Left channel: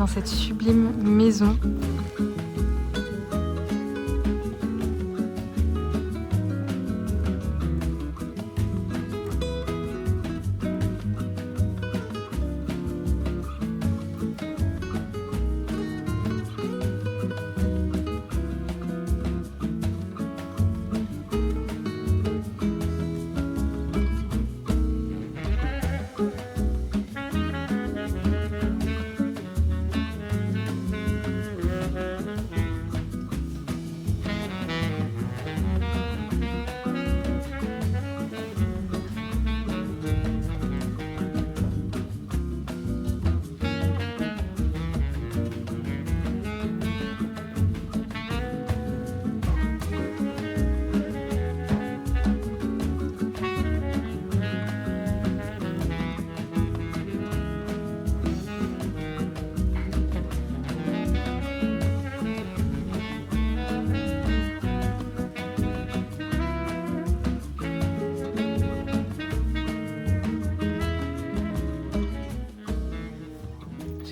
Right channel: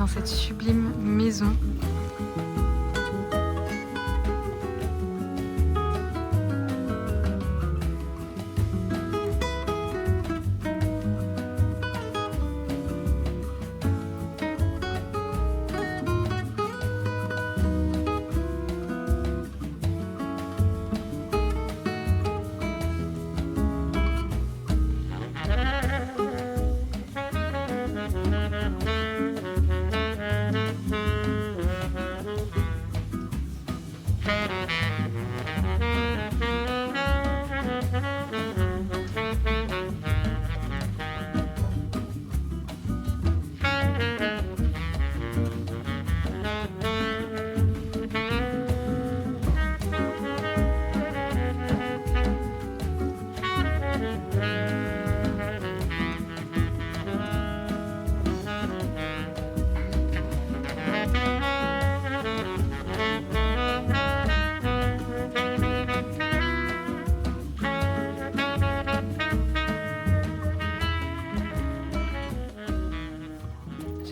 dans cette sublime maison.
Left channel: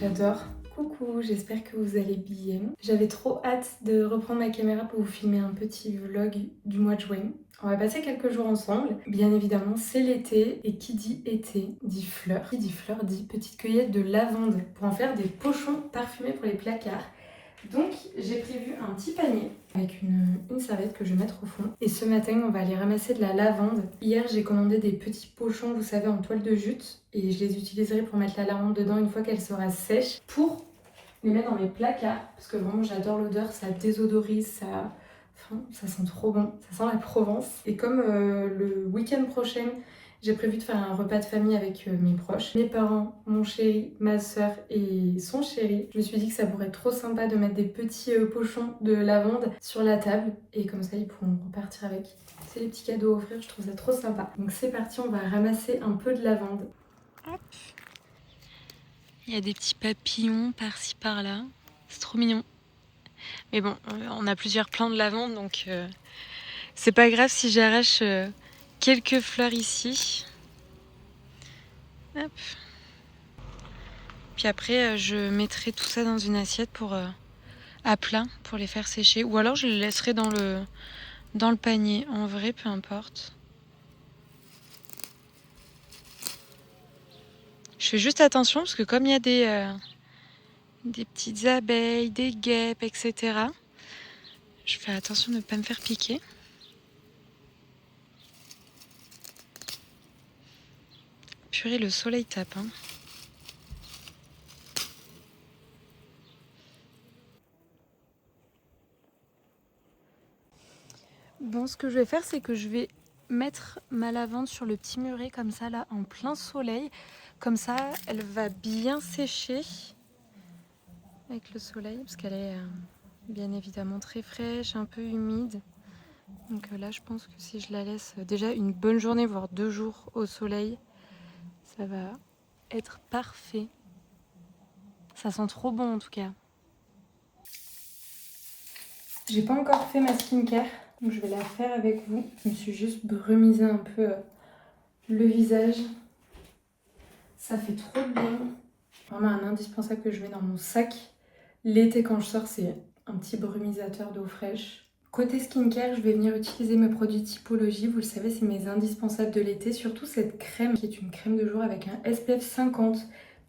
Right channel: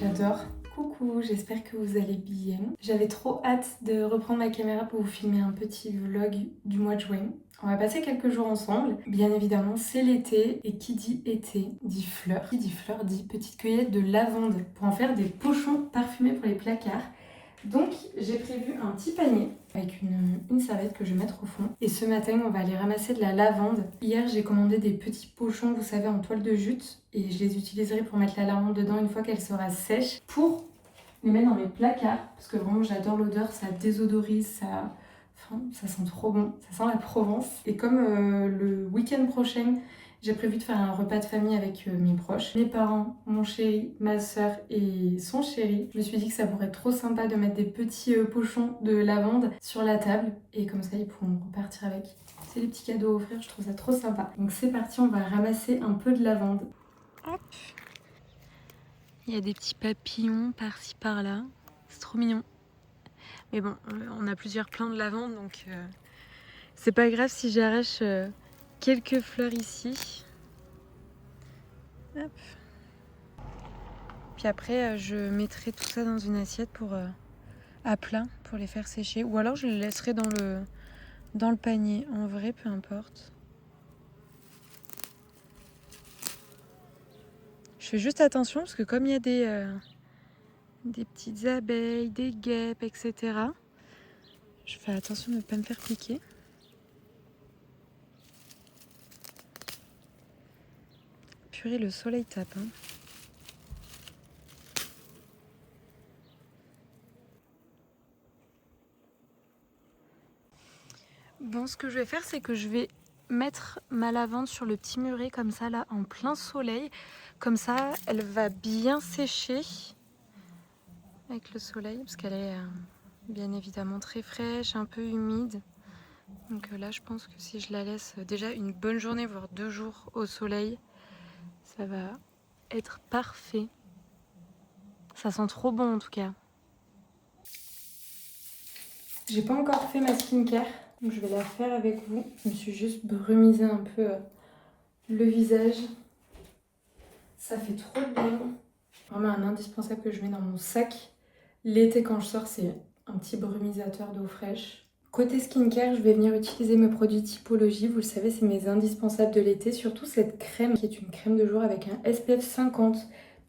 J'adore. Coucou, j'espère que vous allez bien. J'avais trop hâte de reprendre ma caméra pour vous filmer un petit vlog du mois de juin. On va passer quelques jours ensemble. Bien évidemment, c'est l'été et qui dit été dit fleurs. Qui dit fleurs dit petite cueillette de lavande pour en faire des pochons parfumés pour les placards. Donc j'ai prévu un petit panier avec une serviette que je vais mettre au fond. Et ce matin, on va aller ramasser de la lavande. Hier, j'ai commandé des petits pochons, vous savez, en toile de jute. Et je les utiliserai pour mettre la lavande dedans une fois qu'elle sera sèche. Pour les mettre dans mes placards. Parce que vraiment, j'adore l'odeur, ça désodorise, ça sent trop bon. Ça sent la Provence. Et comme le week-end prochain, j'ai prévu de faire un repas de famille avec mes proches. Mes parents, mon chéri, ma soeur et son chéri. Je me suis dit que ça pourrait être trop sympa de mettre des petits pochons de lavande sur la table. Et comme ça, ils pourront repartir avec. C'est des petits cadeaux à offrir, je trouve ça trop sympa. Donc c'est parti, on va ramasser un peu de lavande. Hop. Il y a des petits papillons par-ci par-là. C'est trop mignon. Mais bon, on a plusieurs plants de lavande, donc c'est pas grave si j'arrache quelques fleurs ici. Hop. Puis après, je mettrai tout ça dans une assiette pour à plat pour les faire sécher. Ou alors je les laisserai dans le panier. En vrai, peu importe. Je fais juste attention parce que comme il y a des petites abeilles, des guêpes, etc. Je fais attention de ne pas me faire piquer. Purée, le soleil tape, hein. Bon, ce que je vais faire, c'est que je vais mettre ma lavande sur le petit muret comme ça, là, en plein soleil. Comme ça, elle va bien sécher avec le soleil, parce qu'elle est bien évidemment très fraîche, un peu humide. Donc là, je pense que si je la laisse déjà une bonne journée, voire 2 jours au soleil, ça va être parfait. Ça sent trop bon en tout cas. J'ai pas encore fait ma skincare, donc je vais la faire avec vous. Je me suis juste brumisé un peu le visage. Ça fait trop bien. Vraiment un indispensable que je mets dans mon sac. L'été quand je sors, c'est un petit brumisateur d'eau fraîche. Côté skincare, je vais venir utiliser mes produits Typologie. Vous le savez, c'est mes indispensables de l'été. Surtout cette crème qui est une crème de jour avec un SPF 50.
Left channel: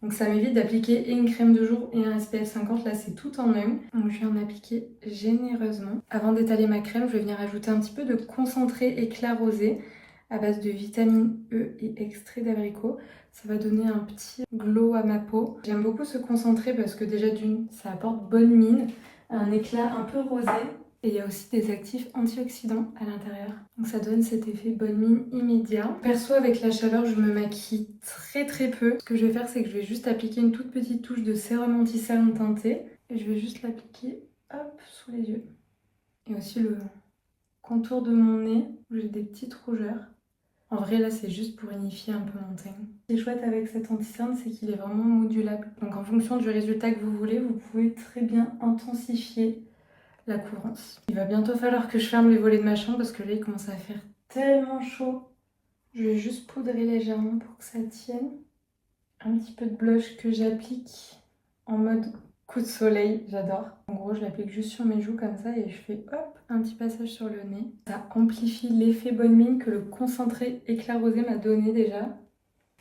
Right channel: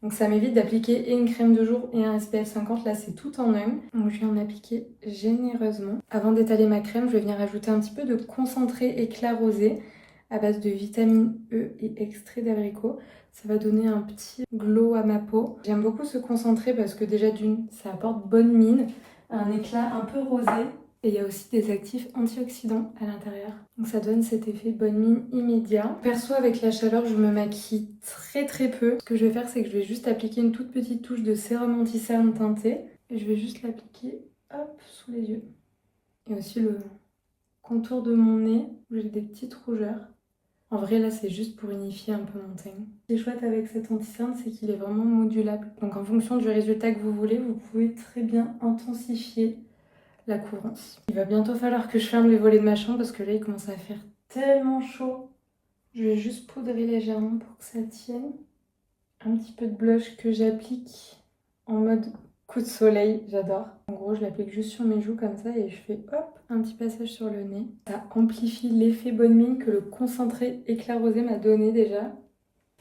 Donc ça m'évite d'appliquer et une crème de jour et un SPF 50. Là, c'est tout en un. Donc je vais en appliquer généreusement. Avant d'étaler ma crème, je vais venir ajouter un petit peu de concentré éclat rosé à base de vitamine E et extrait d'abricot. Ça va donner un petit glow à ma peau. J'aime beaucoup ce concentré parce que déjà d'une, ça apporte bonne mine, un éclat un peu rosé. Et il y a aussi des actifs antioxydants à l'intérieur. Donc ça donne cet effet bonne mine immédiat. Perso, avec la chaleur, je me maquille très peu. Ce que je vais faire, c'est que je vais juste appliquer une toute petite touche de sérum anti-cerne teinté. Et je vais juste l'appliquer, hop, sous les yeux. Et aussi le contour de mon nez, où j'ai des petites rougeurs. En vrai, là, c'est juste pour unifier un peu mon teint. Ce qui est chouette avec cet anti-cerne, c'est qu'il est vraiment modulable. Donc en fonction du résultat que vous voulez, vous pouvez très bien intensifier la couvrance. Il va bientôt falloir que je ferme les volets de ma chambre parce que là, il commence à faire tellement chaud. Je vais juste poudrer légèrement pour que ça tienne. Un petit peu de blush que j'applique en mode coup de soleil, j'adore. En gros, je l'applique juste sur mes joues comme ça et je fais hop, un petit passage sur le nez. Ça amplifie l'effet bonne mine que le concentré éclair rosé m'a donné déjà.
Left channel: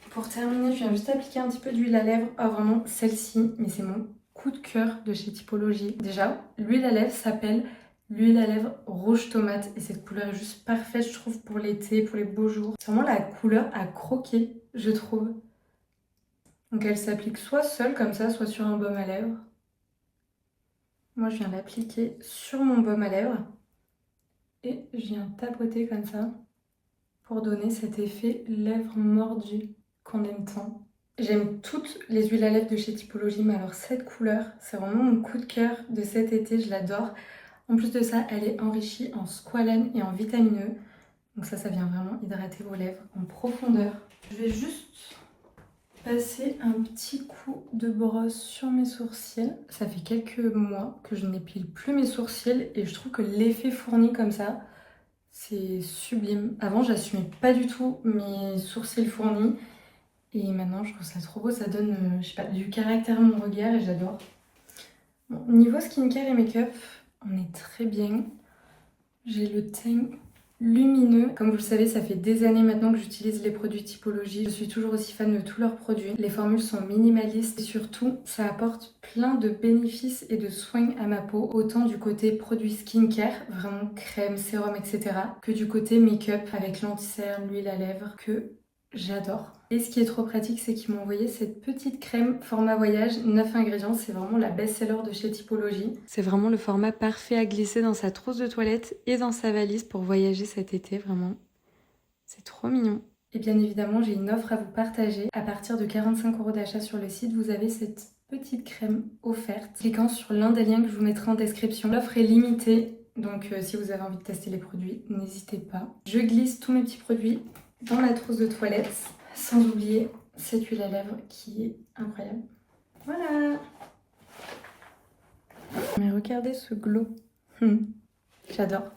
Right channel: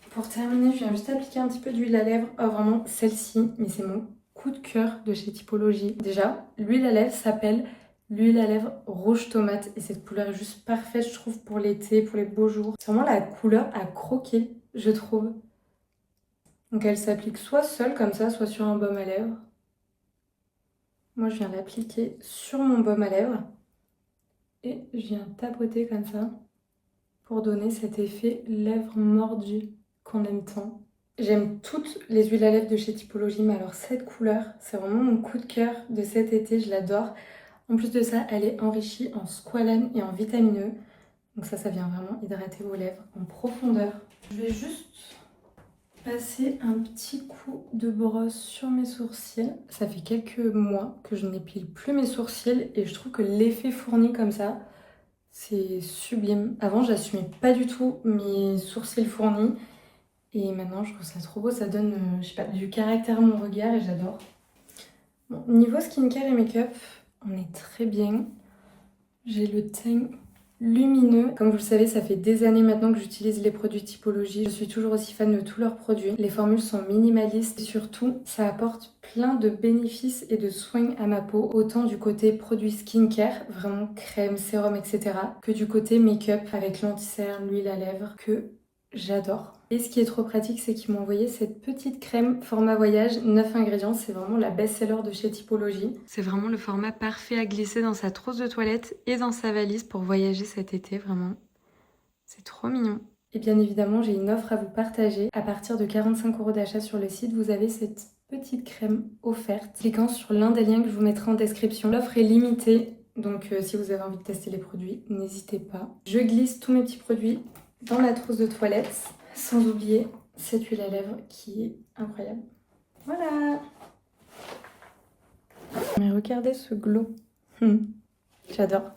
Pour terminer, je viens juste appliquer un petit peu d'huile à lèvres. Oh, vraiment, celle-ci, mais c'est mon coup de cœur de chez Typologie. Déjà, l'huile à lèvres s'appelle l'huile à lèvres rouge tomate et cette couleur est juste parfaite, je trouve, pour l'été, pour les beaux jours. C'est vraiment la couleur à croquer, je trouve. Donc elle s'applique soit seule comme ça, soit sur un baume à lèvres. Moi, je viens l'appliquer sur mon baume à lèvres et je viens tapoter comme ça pour donner cet effet lèvres mordues qu'on aime tant. J'aime toutes les huiles à lèvres de chez Typologie, mais alors cette couleur, c'est vraiment mon coup de cœur de cet été, je l'adore. En plus de ça, elle est enrichie en squalane et en vitamine E. Donc ça vient vraiment hydrater vos lèvres en profondeur. Je vais juste passer un petit coup de brosse sur mes sourcils. Ça fait quelques mois que je n'épile plus mes sourcils et je trouve que l'effet fourni comme ça, c'est sublime. Avant, j'assumais pas du tout mes sourcils fournis. Et maintenant, je trouve ça trop beau. Ça donne, je sais pas, du caractère à mon regard et j'adore. Bon, niveau skincare et make-up, on est très bien. J'ai le teint lumineux. Comme vous le savez, ça fait des années maintenant que j'utilise les produits Typologie. Je suis toujours aussi fan de tous leurs produits. Les formules sont minimalistes et surtout, ça apporte plein de bénéfices et de soins à ma peau. Autant du côté produits skincare, vraiment crème, sérum, etc. que du côté make-up avec l'anti-cerne, l'huile à lèvres que j'adore. Et ce qui est trop pratique, c'est qu'ils m'ont envoyé cette petite crème format voyage, 9 ingrédients. C'est vraiment la best-seller de chez Typologie. C'est vraiment le format parfait à glisser dans sa trousse de toilette et dans sa valise pour voyager cet été, vraiment. C'est trop mignon. Et bien évidemment, j'ai une offre à vous partager. À partir de 45 € d'achat sur le site, vous avez cette petite crème offerte. Cliquant sur l'un des liens que je vous mettrai en description. L'offre est limitée, donc si vous avez envie de tester les produits, n'hésitez pas. Je glisse tous mes petits produits dans la trousse de toilette. Sans oublier cette huile à lèvres qui est incroyable. Voilà. Mais regardez ce glow. J'adore.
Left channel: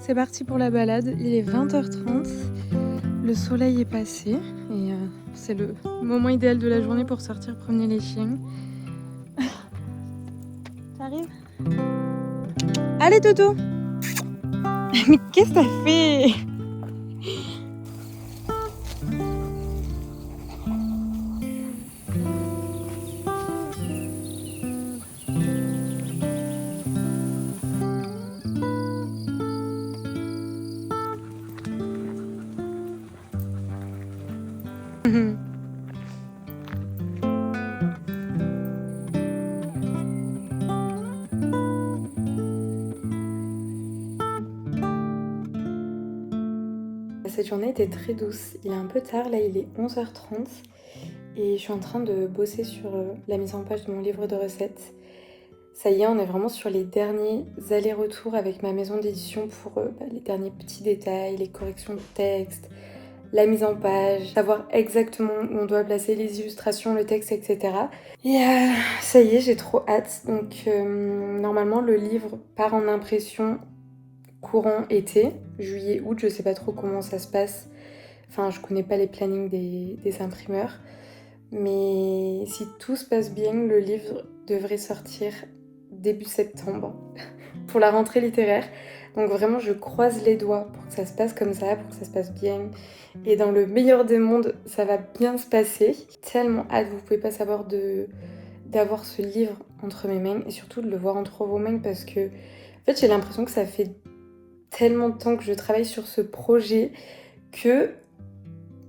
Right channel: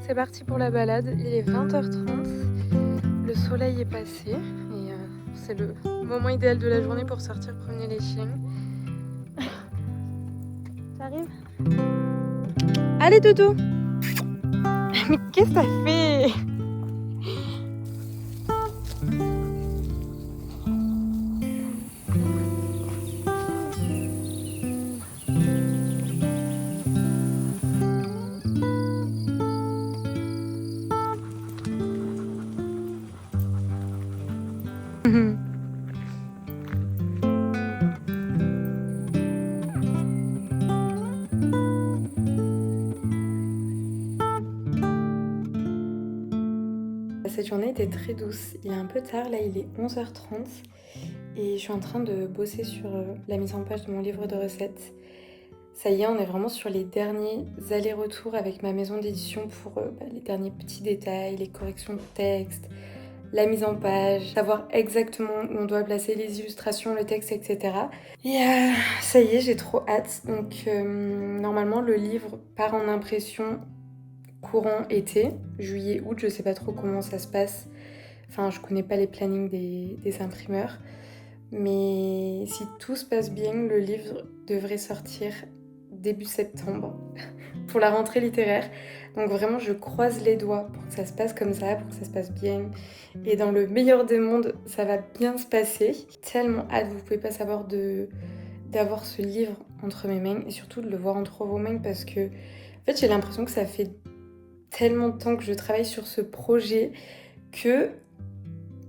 C'est parti pour la balade. Il est 20h30. Le soleil est passé. Et c'est le moment idéal de la journée pour sortir promener les chiens. T'arrives? Allez, Dodo! Mais qu'est-ce que ça fait? Cette journée était très douce. Il est un peu tard, là il est 11h30 et je suis en train de bosser sur la mise en page de mon livre de recettes. Ça y est, on est vraiment sur les derniers allers-retours avec ma maison d'édition pour les derniers petits détails, les corrections de texte, la mise en page, savoir exactement où on doit placer les illustrations, le texte, etc. Et ça y est, j'ai trop hâte. Donc normalement le livre part en impression courant été, juillet, août, je sais pas trop comment ça se passe. Enfin, je connais pas les plannings des imprimeurs. Mais si tout se passe bien, le livre devrait sortir début septembre pour la rentrée littéraire. Donc vraiment, je croise les doigts pour que ça se passe comme ça, pour que ça se passe bien. Et dans le meilleur des mondes, ça va bien se passer. Tellement hâte, vous pouvez pas savoir d'avoir ce livre entre mes mains et surtout de le voir entre vos mains parce que en fait, j'ai l'impression que ça fait tellement de temps que je travaille sur ce projet que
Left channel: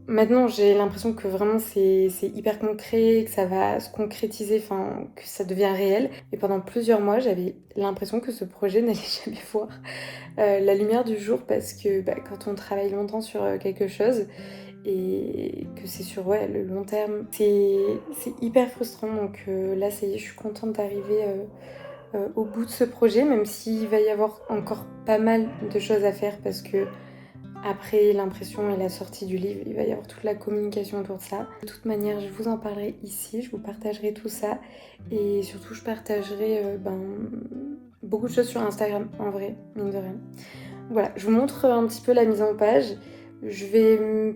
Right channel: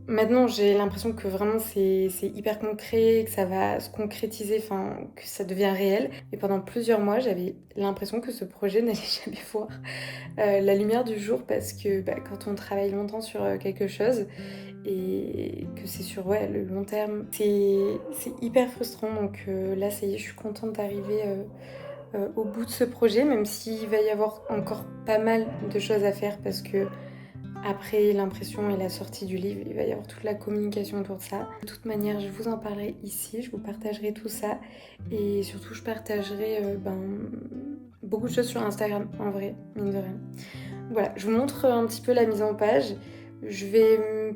maintenant j'ai l'impression que vraiment c'est hyper concret, que ça va se concrétiser, enfin que ça devient réel. Et pendant plusieurs mois j'avais l'impression que ce projet n'allait jamais voir la lumière du jour parce que quand on travaille longtemps sur quelque chose et que c'est sur le long terme, c'est hyper frustrant. Donc là ça y est, je suis contente d'arriver au bout de ce projet, même s'il va y avoir encore pas mal de choses à faire parce que après l'impression et la sortie du livre, il va y avoir toute la communication autour de ça. De toute manière, je vous en parlerai ici, je vous partagerai tout ça et surtout je partagerai beaucoup de choses sur Instagram en vrai, mine de rien. Voilà, je vous montre un petit peu la mise en page. Je vais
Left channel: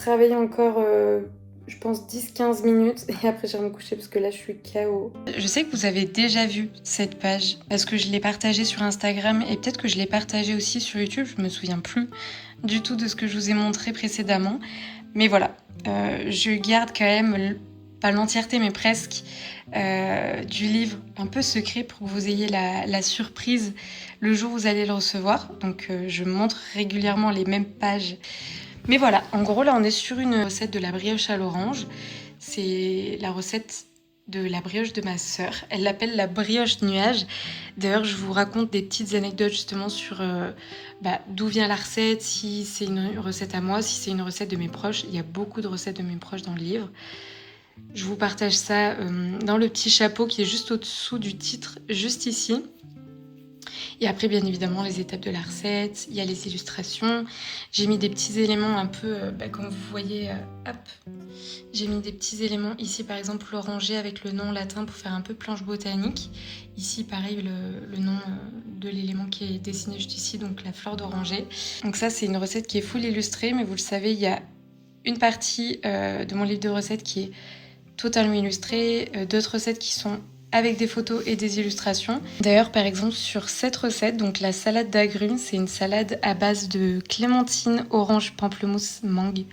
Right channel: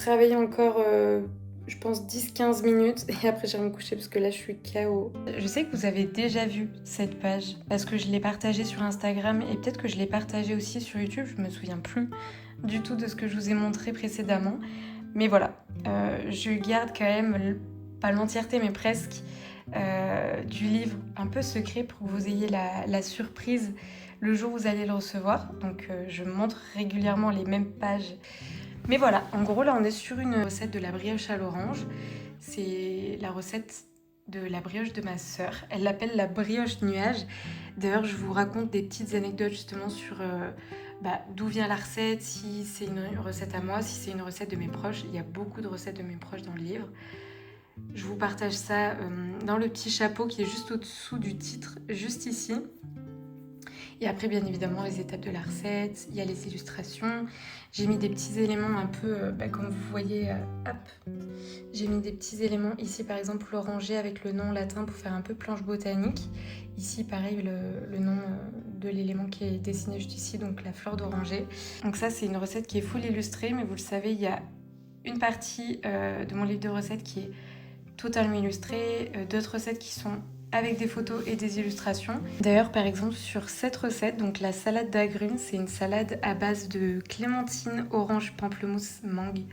travailler encore, je pense 10-15 minutes et après je vais me coucher parce que là je suis KO. Je sais que vous avez déjà vu cette page parce que je l'ai partagée sur Instagram et peut-être que je l'ai partagée aussi sur YouTube, je me souviens plus du tout de ce que je vous ai montré précédemment. Mais voilà, je garde quand même, pas l'entièreté mais presque, du livre un peu secret pour que vous ayez la surprise le jour où vous allez le recevoir. Donc je montre régulièrement les mêmes pages. Mais voilà, en gros là on est sur une recette de la brioche à l'orange. C'est la recette de la brioche de ma sœur. Elle l'appelle la brioche nuage. D'ailleurs je vous raconte des petites anecdotes justement sur d'où vient la recette, si c'est une recette à moi, si c'est une recette de mes proches. Il y a beaucoup de recettes de mes proches dans le livre. Je vous partage ça dans le petit chapeau qui est juste au-dessous du titre, juste ici. Et après, bien évidemment, les étapes de la recette, il y a les illustrations. J'ai mis des petits éléments un peu, comme vous voyez, hop. J'ai mis des petits éléments ici, par exemple, l'oranger avec le nom latin pour faire un peu planche botanique. Ici, pareil, le nom de l'élément qui est dessiné juste ici, donc la fleur d'oranger. Donc ça, c'est une recette qui est full illustrée, mais vous le savez, il y a une partie de mon livre de recettes qui est totalement illustrée, d'autres recettes qui sont avec des photos et des illustrations. D'ailleurs, par exemple, sur cette recette, donc la salade d'agrumes, c'est une salade à base de clémentine, orange, pamplemousse, mangue,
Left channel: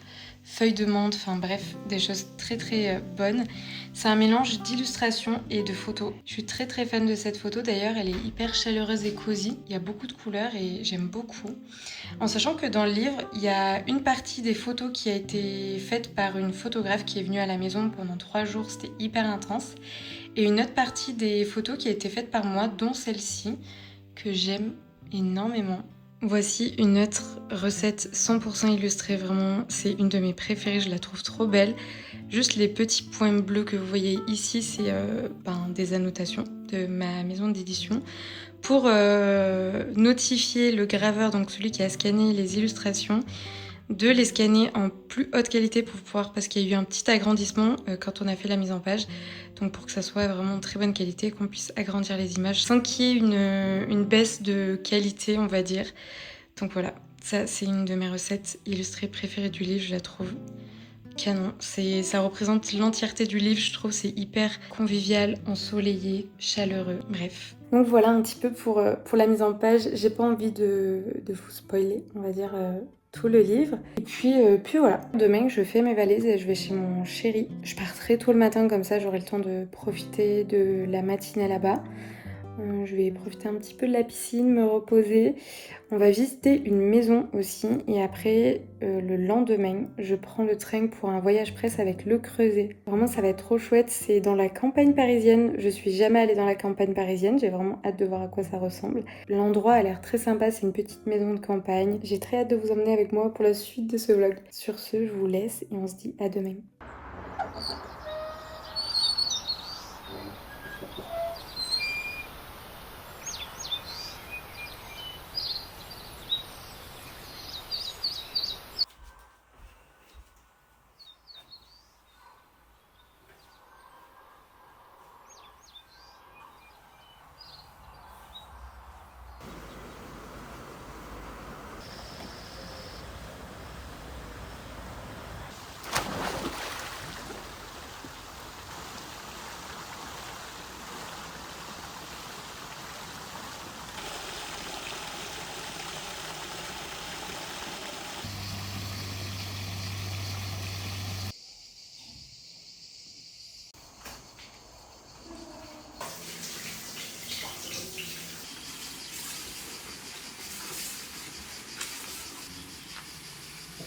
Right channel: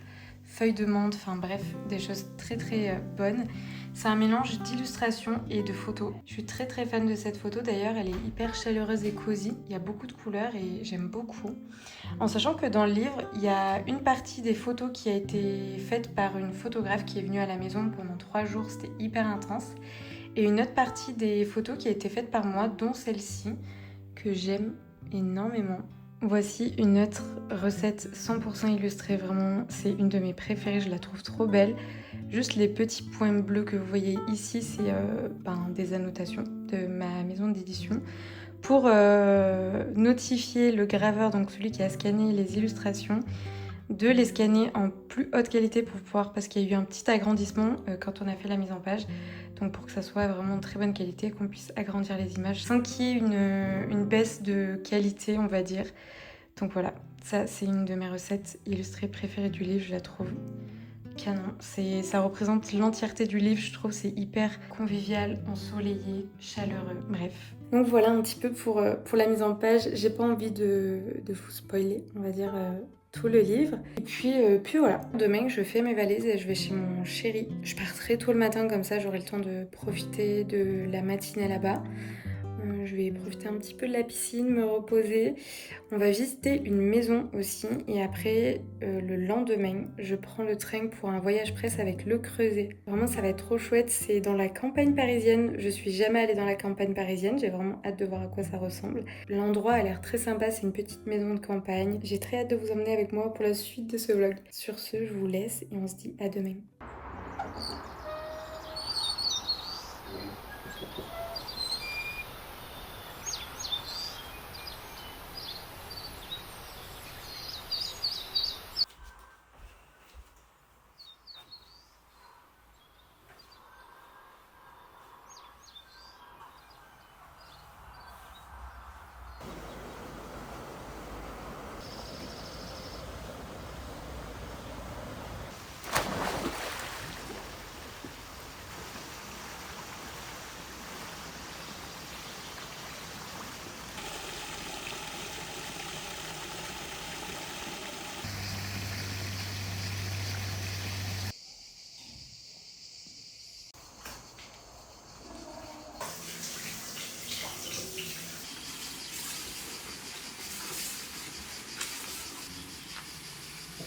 feuilles de menthe, enfin bref, des choses très très bonnes. C'est un mélange d'illustrations et de photos. Je suis très très fan de cette photo, d'ailleurs, elle est hyper chaleureuse et cosy. Il y a beaucoup de couleurs et j'aime beaucoup. En sachant que dans le livre, il y a une partie des photos qui a été faite par une photographe qui est venue à la maison pendant 3 jours, c'était hyper intense. Et une autre partie des photos qui a été faite par moi, dont celle-ci, que j'aime énormément. Voici une autre recette 100% illustrée, vraiment, c'est une de mes préférées, je la trouve trop belle. Juste les petits points bleus que vous voyez ici, c'est des annotations de ma maison d'édition pour notifier le graveur, donc celui qui a scanné les illustrations, de les scanner en plus haute qualité pour pouvoir, parce qu'il y a eu un petit agrandissement quand on a fait la mise en page, donc pour que ça soit vraiment de très bonne qualité, qu'on puisse agrandir les images sans qu'il y ait une baisse de qualité, on va dire. Donc voilà, ça c'est une de mes recettes illustrées préférées du livre, je la trouve canon. Ça représente l'entièreté du livre, je trouve, c'est hyper convivial, ensoleillé, chaleureux, bref. Donc voilà un petit peu pour la mise en page, j'ai pas envie de vous spoiler, on va dire, tout le livre. Et puis voilà, demain je fais mes valises et je vais chez mon chéri. Je pars très tôt le matin, comme ça j'aurai le temps de profiter de la matinée là-bas. Je vais profiter un petit peu de la piscine, me reposer. On va visiter une maison aussi et après, le lendemain, je prends le train pour un voyage presse avec le Creuset. Vraiment, ça va être trop chouette. C'est dans la campagne parisienne. Je suis jamais allée dans la campagne parisienne. J'ai vraiment hâte de voir à quoi ça ressemble. L'endroit a l'air très sympa. C'est une petite maison de campagne. J'ai très hâte de vous emmener avec moi pour la suite de ce vlog. Sur ce, je vous laisse et on se dit à demain.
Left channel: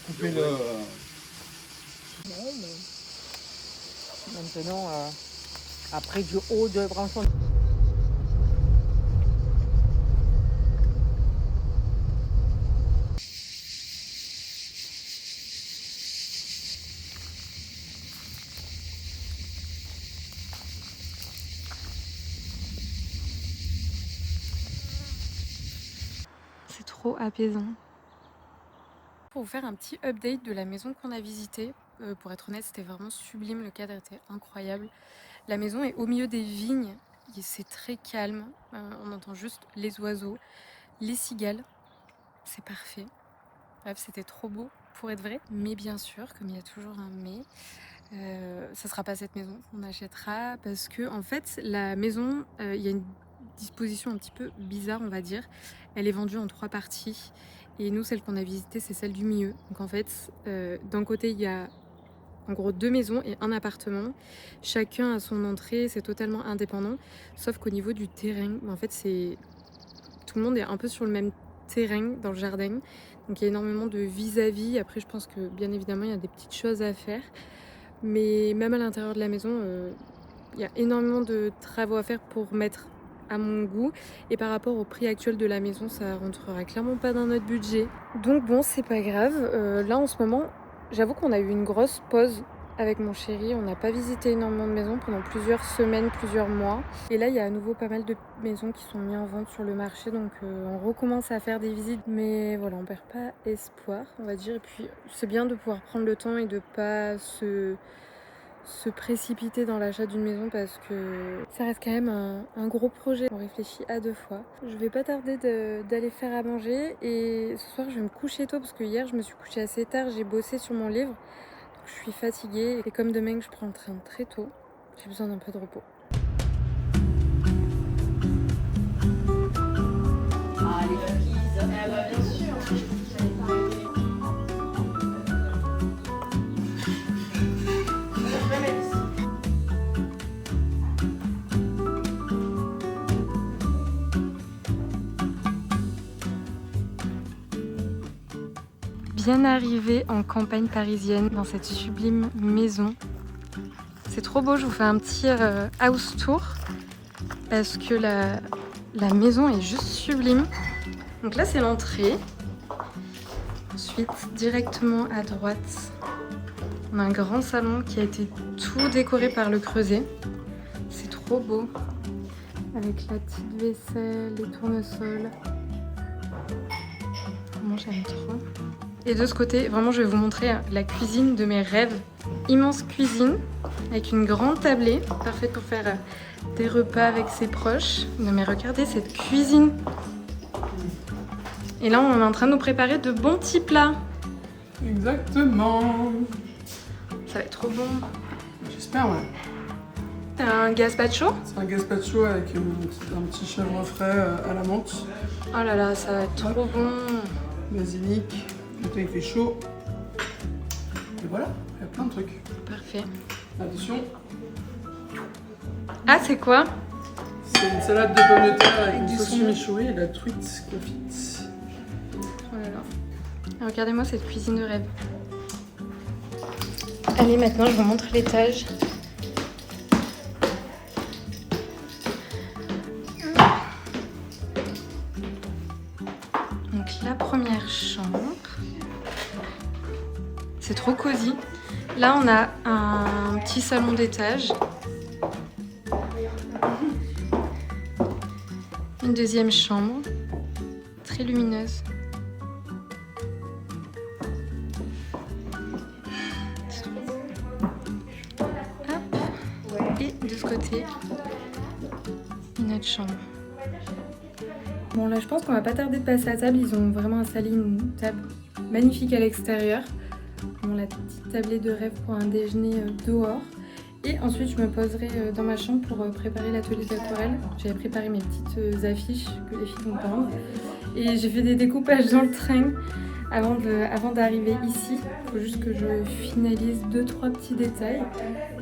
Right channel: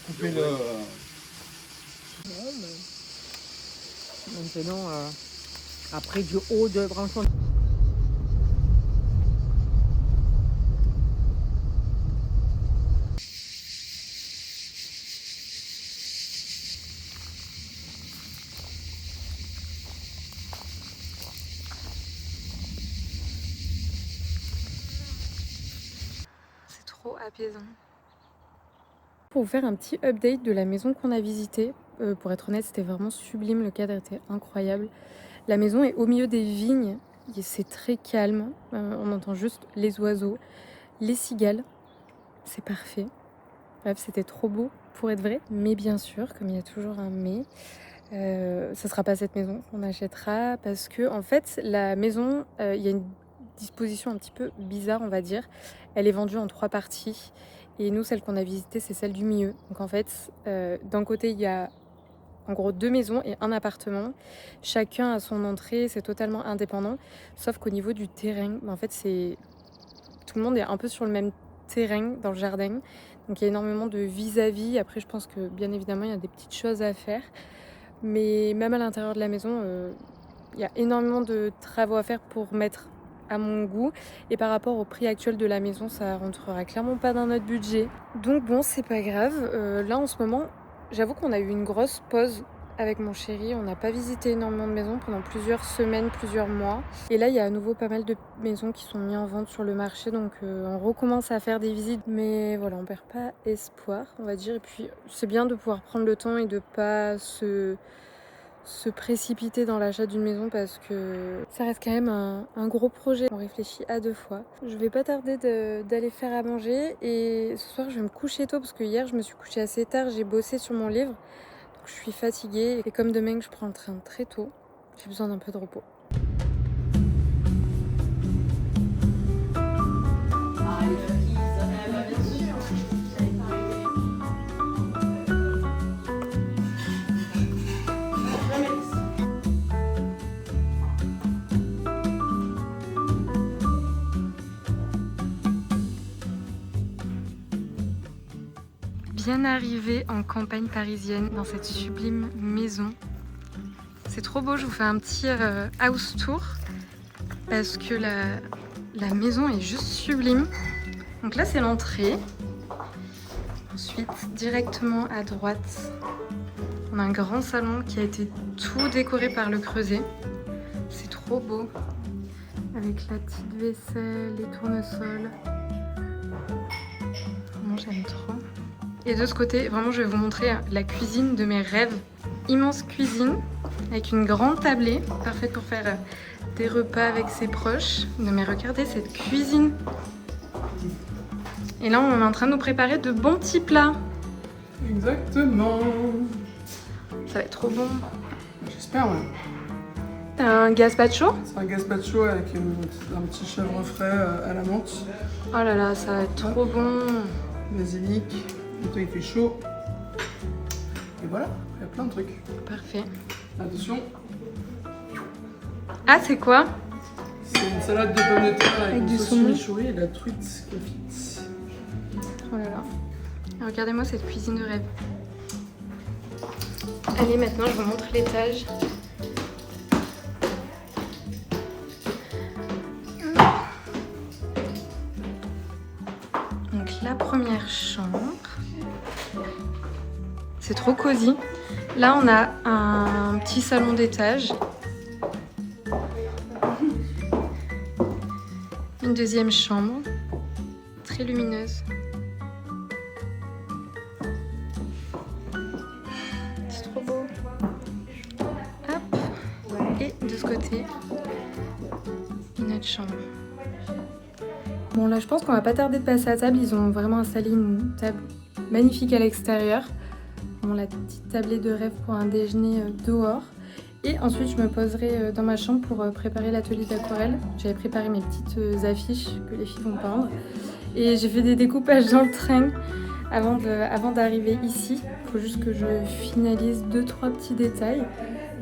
Couper le... Maintenant, après du haut de branchon. C'est trop apaisant. Pour vous faire un petit update de la maison qu'on a visitée, pour être honnête, c'était vraiment sublime, le cadre était incroyable. La maison est au milieu des vignes, et c'est très calme, on entend juste les oiseaux, les cigales, c'est parfait. Bref, c'était trop beau. pour être vrai. Mais bien sûr, comme il y a toujours un mais, ça sera pas cette maison qu'on achètera parce que en fait la maison, il y a une disposition un petit peu bizarre on va dire. Elle est vendue en 3 parties et nous celle qu'on a visitée c'est celle du milieu. Donc en fait, d'un côté il y a en gros 2 maisons et un appartement. Chacun a son entrée, c'est totalement indépendant. Sauf qu'au niveau du terrain, en fait c'est tout le monde est un peu sur le même terrain dans le jardin. Donc il y a énormément de vis-à-vis. Après je pense que bien évidemment il y a des petites choses à faire. Mais même à l'intérieur de la maison, il y a énormément de travaux à faire pour mettre à mon goût. Et par rapport au prix actuel de la maison, ça rentrera clairement pas dans notre budget. Donc bon, c'est pas grave. Là en ce moment, j'avoue qu'on a eu une grosse pause avec mon chéri. On n'a pas visité énormément de maisons pendant plusieurs semaines, plusieurs mois. Et là, il y a à nouveau pas mal de maisons qui sont mises en vente sur le marché. Donc on recommence à faire des visites. Mais voilà, on perd pas espoir, on va dire. Et puis c'est bien de pouvoir prendre le temps et de pas se précipiter dans l'achat d'une maison parce que ça reste quand même un gros projet. On réfléchit à 2 fois. Je vais pas tarder d'aller faire à manger et ce soir je vais me coucher tôt parce que hier je me suis couchée assez tard, j'ai bossé sur mon livre. Donc je suis fatiguée et comme demain je prends le train très tôt, j'ai besoin d'un peu de repos. Bien arrivée en campagne parisienne dans cette sublime maison. C'est trop beau, je vous fais un petit house tour parce que la maison est juste sublime. Donc là c'est l'entrée. Ensuite directement à droite, on a un grand salon qui a été tout décoré par le creuset. C'est trop beau. Avec la petite vaisselle, les tournesols. Vraiment j'aime trop. Et de ce côté, vraiment, je vais vous montrer la cuisine de mes rêves. Immense cuisine avec une grande tablée, parfaite pour faire des repas avec ses proches. Non mais regardez cette cuisine. Et là, on est en train de nous préparer de bons petits plats. Exactement. Ça va être trop bon. J'espère, ouais. T'as un gazpacho? C'est un gazpacho avec un petit chèvre frais à la menthe. Oh là là, ça va être trop bon. Basilic. Le temps il fait chaud. Et voilà, il y a plein de trucs. Parfait. Attention. Ah, c'est quoi? C'est une salade de pommes de terre avec Avec une du sauce saumon. chimichurri et la truite confite. Oh là là. Regardez-moi cette cuisine de rêve. Allez, maintenant, je vous montre l'étage. Donc, la première chambre. C'est trop cosy. Là, on a un petit salon d'étage. Une deuxième chambre. Très lumineuse. C'est trop beau. Hop. Et de ce côté, une autre chambre. Bon là je pense qu'on va pas tarder de passer à table, ils ont vraiment installé une table magnifique à l'extérieur. Bon, la petite tablée de rêve pour un déjeuner dehors. Et ensuite je me poserai dans ma chambre pour préparer l'atelier d'aquarelle. J'avais préparé mes petites affiches que les filles vont peindre. Et j'ai fait des découpages dans le train avant d'arriver ici. Il faut juste que je finalise 2-3 petits détails.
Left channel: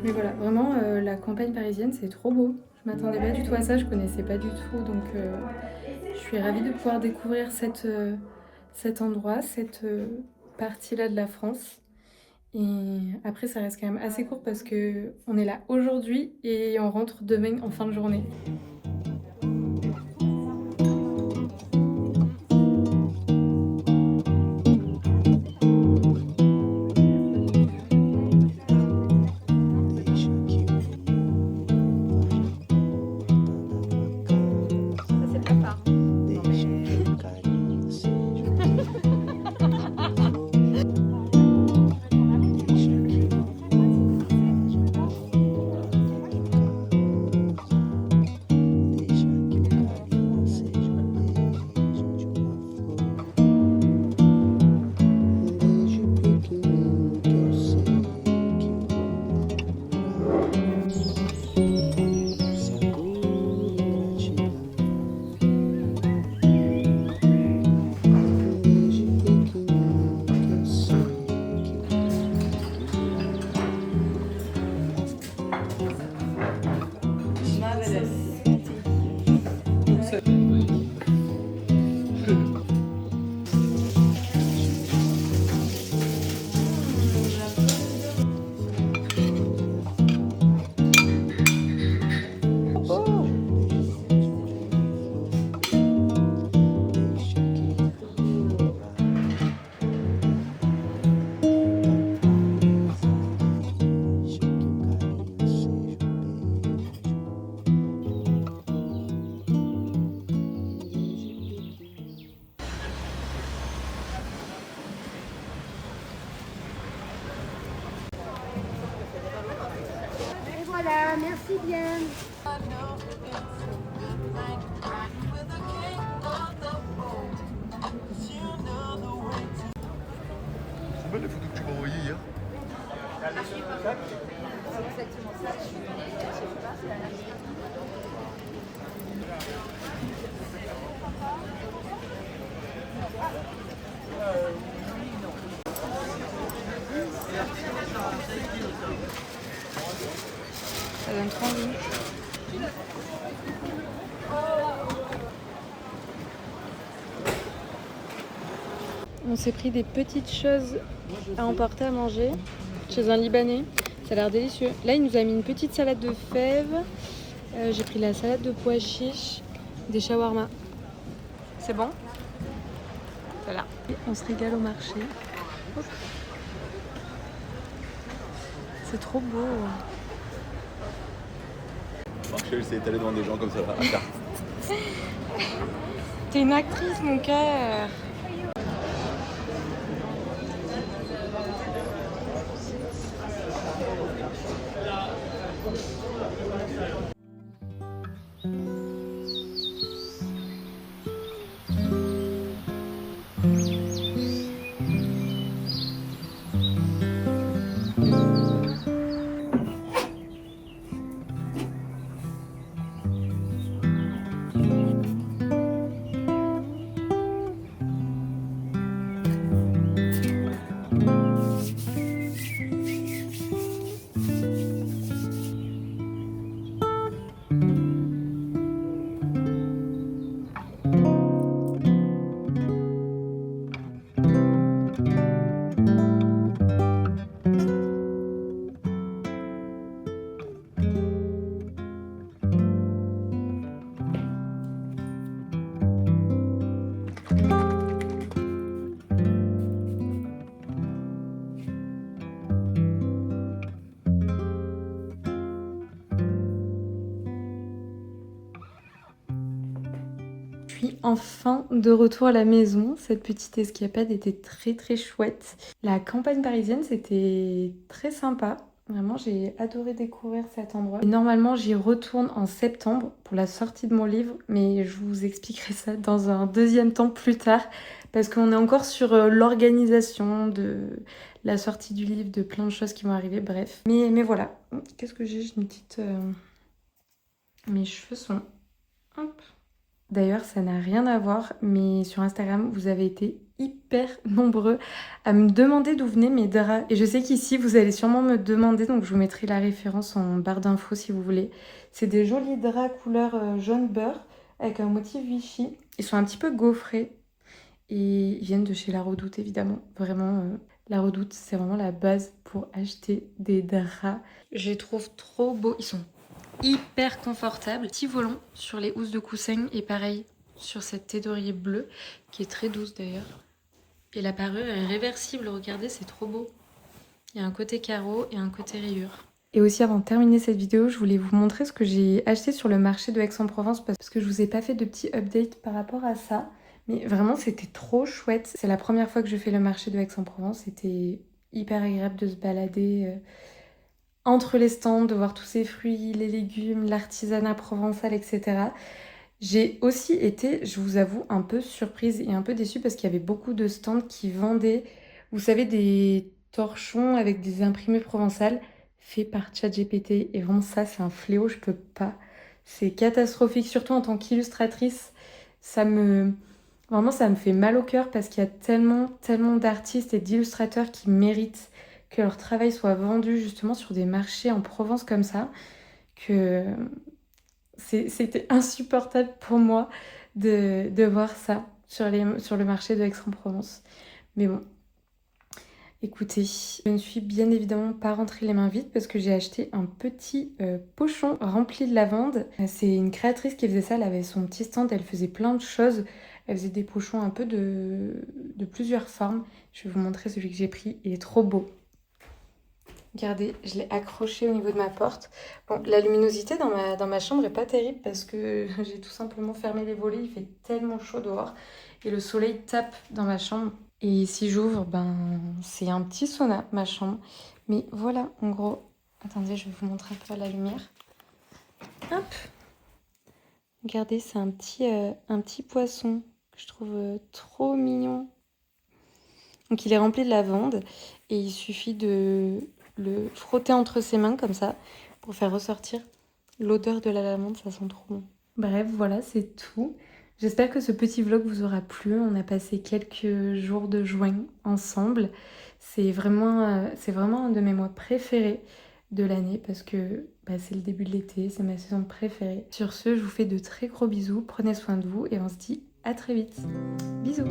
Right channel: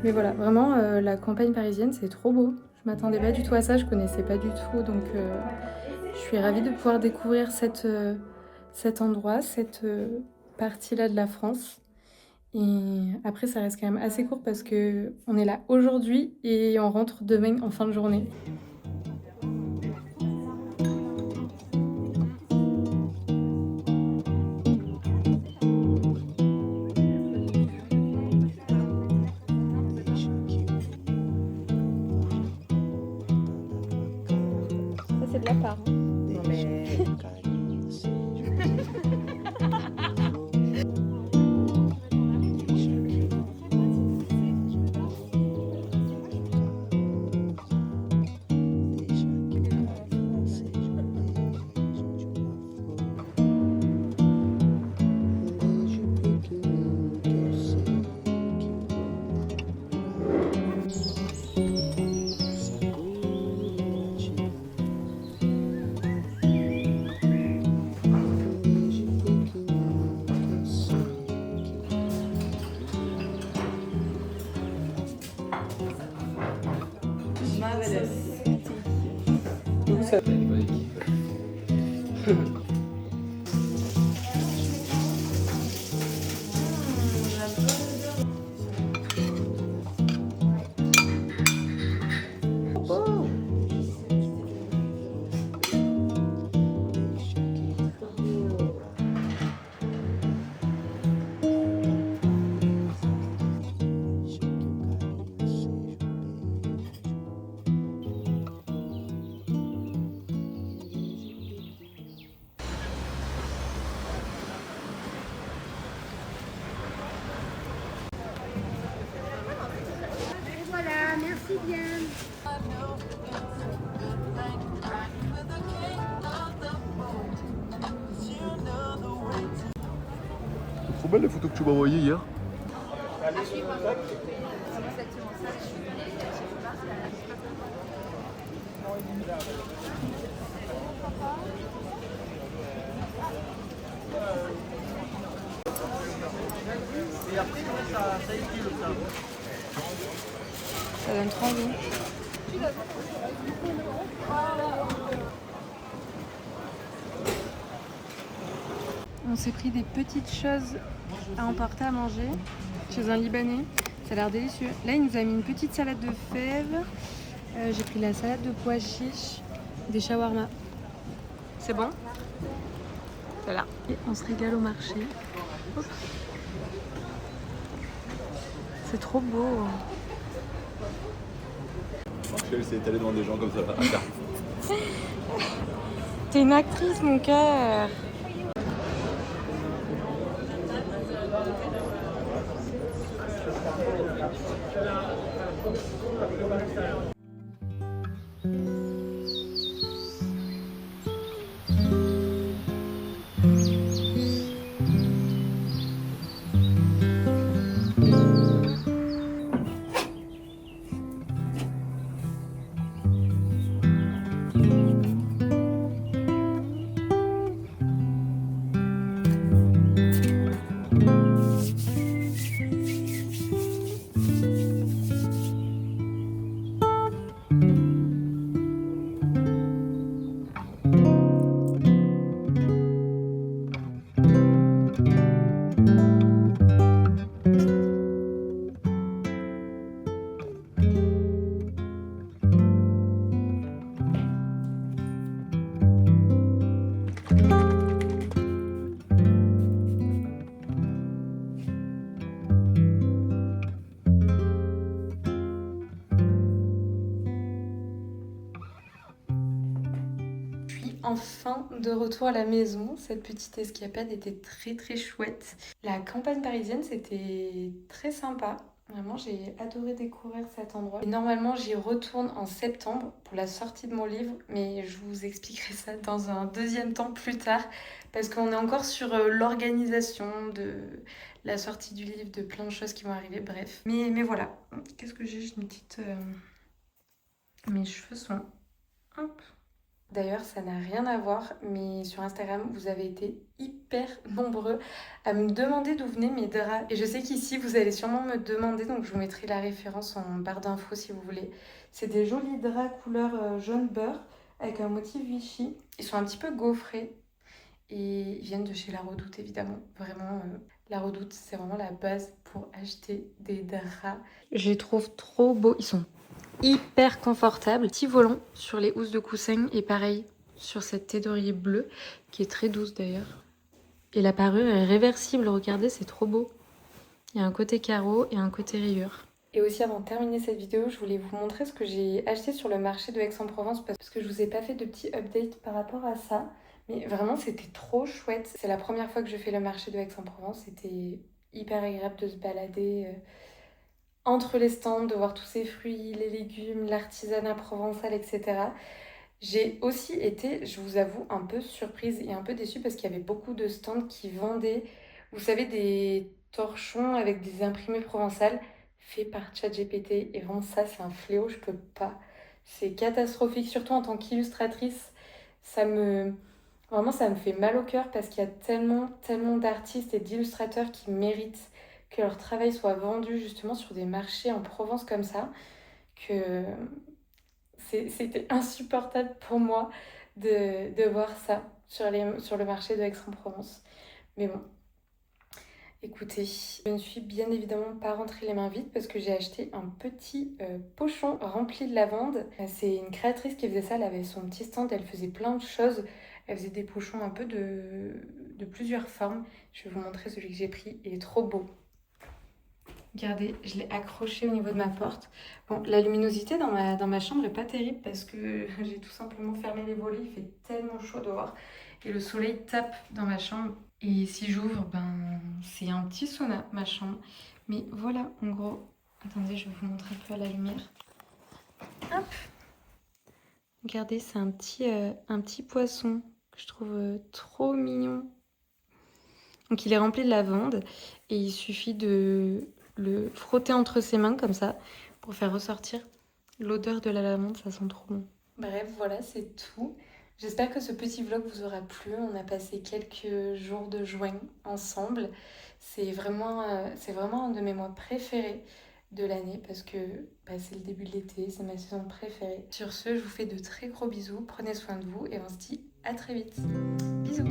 Mais voilà, vraiment la campagne parisienne c'est trop beau. Je m'attendais pas du tout à ça, je connaissais pas du tout. Donc je suis ravie de pouvoir découvrir cet endroit, cette partie-là de la France. Et après, ça reste quand même assez court parce qu'on est là aujourd'hui et on rentre demain en fin de journée. Voilà, merci bien. C'est belle les photos que tu m'as envoyées hier. Ça donne trop envie. On s'est pris des petites choses à emporter à manger chez un Libanais. Ça a l'air délicieux. Là, il nous a mis une petite salade de fèves. J'ai pris la salade de pois chiches, des shawarma. C'est bon? Voilà. Et on se régale au marché. Hop. C'est trop beau. Marcel s'est étalé devant des gens comme ça là, à carte. T'es une actrice, mon cœur. Enfin de retour à la maison, cette petite escapade était très chouette. La campagne parisienne c'était très sympa, vraiment j'ai adoré découvrir cet endroit. Et normalement j'y retourne en septembre pour la sortie de mon livre, mais je vous expliquerai ça dans un deuxième temps plus tard parce qu'on est encore sur l'organisation de la sortie du livre, de plein de choses qui vont arriver, bref. Mais voilà, qu'est-ce que j'ai une petite... Mes cheveux sont... Hop. D'ailleurs, ça n'a rien à voir, mais sur Instagram, vous avez été hyper nombreux à me demander d'où venaient mes draps. Et je sais qu'ici, vous allez sûrement me demander, donc je vous mettrai la référence en barre d'infos si vous voulez. C'est des jolis draps couleur jaune beurre avec un motif Vichy. Ils sont un petit peu gaufrés et ils viennent de chez La Redoute, évidemment. Vraiment, La Redoute, c'est vraiment la base pour acheter des draps. Je les trouve trop beaux. Ils sont hyper confortable, petit volant sur les housses de coussin et pareil sur cette thé d'oreiller bleue qui est très douce d'ailleurs. Et la parure est réversible, regardez, c'est trop beau. Il y a un côté carreau et un côté rayure. Et aussi avant de terminer cette vidéo, je voulais vous montrer ce que j'ai acheté sur le marché de Aix-en-Provence parce que je vous ai pas fait de petit update par rapport à ça. Mais vraiment c'était trop chouette. C'est la première fois que je fais le marché de Aix-en-Provence, c'était hyper agréable de se balader entre les stands, de voir tous ces fruits, les légumes, l'artisanat provençal, etc. J'ai aussi été, je vous avoue, un peu surprise et un peu déçue parce qu'il y avait beaucoup de stands qui vendaient, vous savez, des torchons avec des imprimés provençales faits par ChatGPT. Et bon, ça, c'est un fléau, je peux pas. C'est catastrophique, surtout en tant qu'illustratrice. Vraiment, ça me fait mal au cœur parce qu'il y a tellement d'artistes et d'illustrateurs qui méritent que leur travail soit vendu justement sur des marchés en Provence comme ça, que c'était insupportable pour moi de voir ça. sur le marché de Aix-en-Provence. Mais bon, écoutez, je ne suis bien évidemment pas rentrée les mains vides parce que j'ai acheté un petit pochon rempli de lavande. C'est une créatrice qui faisait ça, elle avait son petit stand, elle faisait plein de choses. Elle faisait des pochons un peu de plusieurs formes. Je vais vous montrer celui que j'ai pris, il est trop beau. Regardez, je l'ai accroché au niveau de ma porte. Bon, la luminosité dans ma chambre est pas terrible parce que j'ai tout simplement fermé les volets, il fait tellement chaud dehors. Et le soleil tape dans ma chambre. Et si j'ouvre, ben c'est un petit sauna, ma chambre. Mais voilà, en gros. Attendez, je vais vous montrer un peu à la lumière. Hop! Regardez, c'est un petit poisson que je trouve trop mignon. Donc il est rempli de lavande et il suffit de le frotter entre ses mains comme ça pour faire ressortir l'odeur de la lavande, ça sent trop bon. Bref, voilà, c'est tout. J'espère que ce petit vlog vous aura plu. On a passé quelques jours de juin ensemble. C'est vraiment un de mes mois préférés de l'année parce que c'est le début de l'été, c'est ma saison préférée. Sur ce, je vous fais de très gros bisous, prenez soin de vous et on se dit à très vite. Bisous!